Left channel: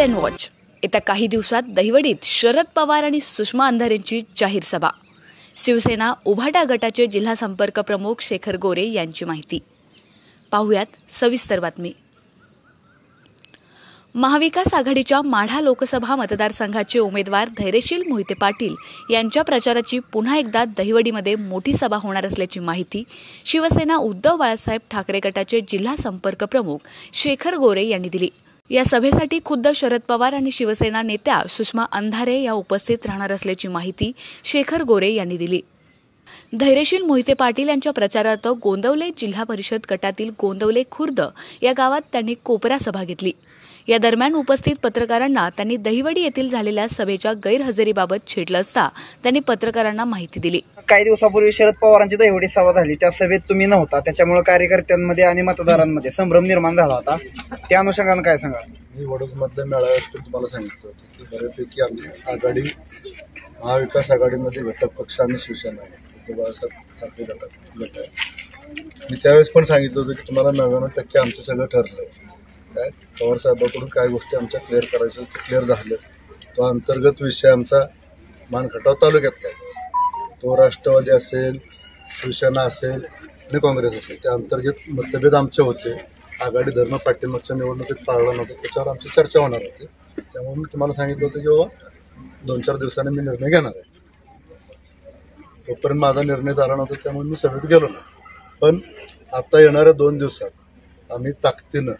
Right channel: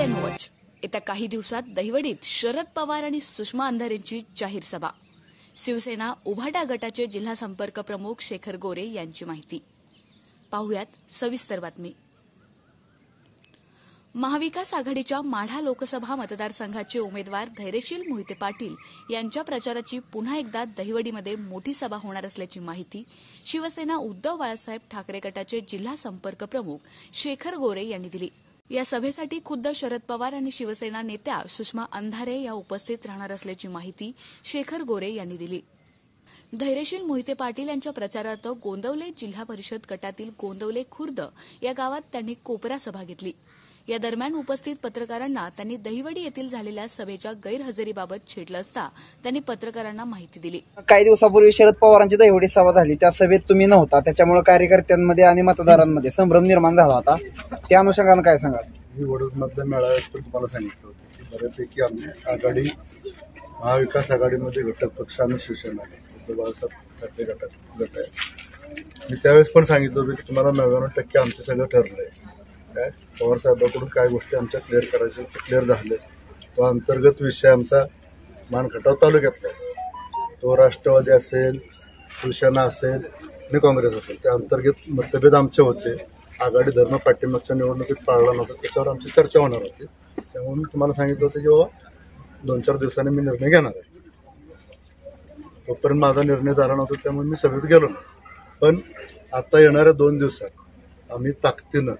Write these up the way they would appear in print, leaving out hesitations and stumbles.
Weight and watch. येत्या काही दिवसात दहिवडीत शरद पवार आणि सुषमा अंधारेंची जाहीर सभा. शिवसेना उभाटा गटाचे जिल्हा संपर्क प्रमुख शेखर गोरे यांची माहिती. पाहुयात सविस्तर बातमी. महाविकास आघाडीच्या माढा लोकसभा मतदारसंघाचे उमेदवार धैर्यशील मोहिते पाटील यांच्या प्रचाराची पुन्हा एकदा दहिवडीमध्ये मोठी सभा होणार असल्याची माहिती शिवसेना उद्धव बाळासाहेब ठाकरे गटाचे जिल्हा संपर्क प्रमुख शेखर गोरे यांनी दिली. या सभेसाठी खुद्द शरद पवार आणि शिवसेना नेत्या सुषमा अंधारे या उपस्थित राहणार असल्याची माहिती शेखर गोरे यांनी दिली. धैर्यशील मोहिते पाटील यांच्या प्रचारार्थ गोंदवले जिल्हा परिषद गटातील गोंदवले खुर्द या गावात त्यांनी कोपरा सभा घेतली. या दरम्यान उपस्थित पत्रकारांना त्यांनी दहिवडी येथील झालेल्या सभेच्या गैरहजेरीबाबत छेडलं असता त्यांनी पत्रकारांना माहिती दिली. काही दिवसापूर्वी शरद पवारांची दहिवडी सभा झाली, त्या सभेत तुम्ही नव्हता, त्याच्यामुळे कार्यकर्त्यांमध्ये आणि मतदारांमध्ये संभ्रम निर्माण झाला होता. त्या अनुषंगाने काय सांगाल? मी वडोदमधल्या मेळाव्यात तुम्हाला सांगितलं होतं की बऱ्यापैकी आमची आघाडी महाविकास आघाडीमध्ये घटक पक्ष आणि शिवसेना आहे, उद्धव बाळासाहेब ठाकरे गट आहे. मी त्यावेळेस पण सांगितलं होतं की तुम्हाला 99% आमचं सगळं ठरलं आहे. काय पवार साहेबांकडून काय गोष्टी आमच्या क्लिअर करायच्या ते क्लिअर झाले. तो अंतर्गत विषय आमचा मानखटाव तालुक्यातला आहे. तो राष्ट्रवादी असेल, शिवसेना असेल आणि काँग्रेस असेल, त्या अंतर्गत मतभेद आमचे होते. आघाडी धर्म पाठिंबाच्या निवडणुकीत पाळला नव्हता, त्याच्यावर आमची चर्चा होणार होती. त्यामुळे मी तुम्हाला सांगितलं होतं की बाबा 2-4 दिवसांनी मी निर्णय घेणार आहे. तोपर्यंत माझा निर्णय झाला नव्हता, त्यामुळे मी सभेत गेलो नाही. पण आता येणाऱ्या 2 दिवसात आम्ही ताकदीनं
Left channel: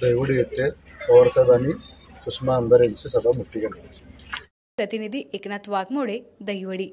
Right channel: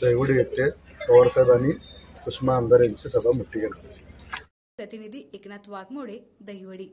दहिवडी येथे पवारसाहेब आणि सुषमा अंधारे यांची सभा मोठी घेणार. प्रतिनिधी एकनाथ वाघमोडे, दहिवडी.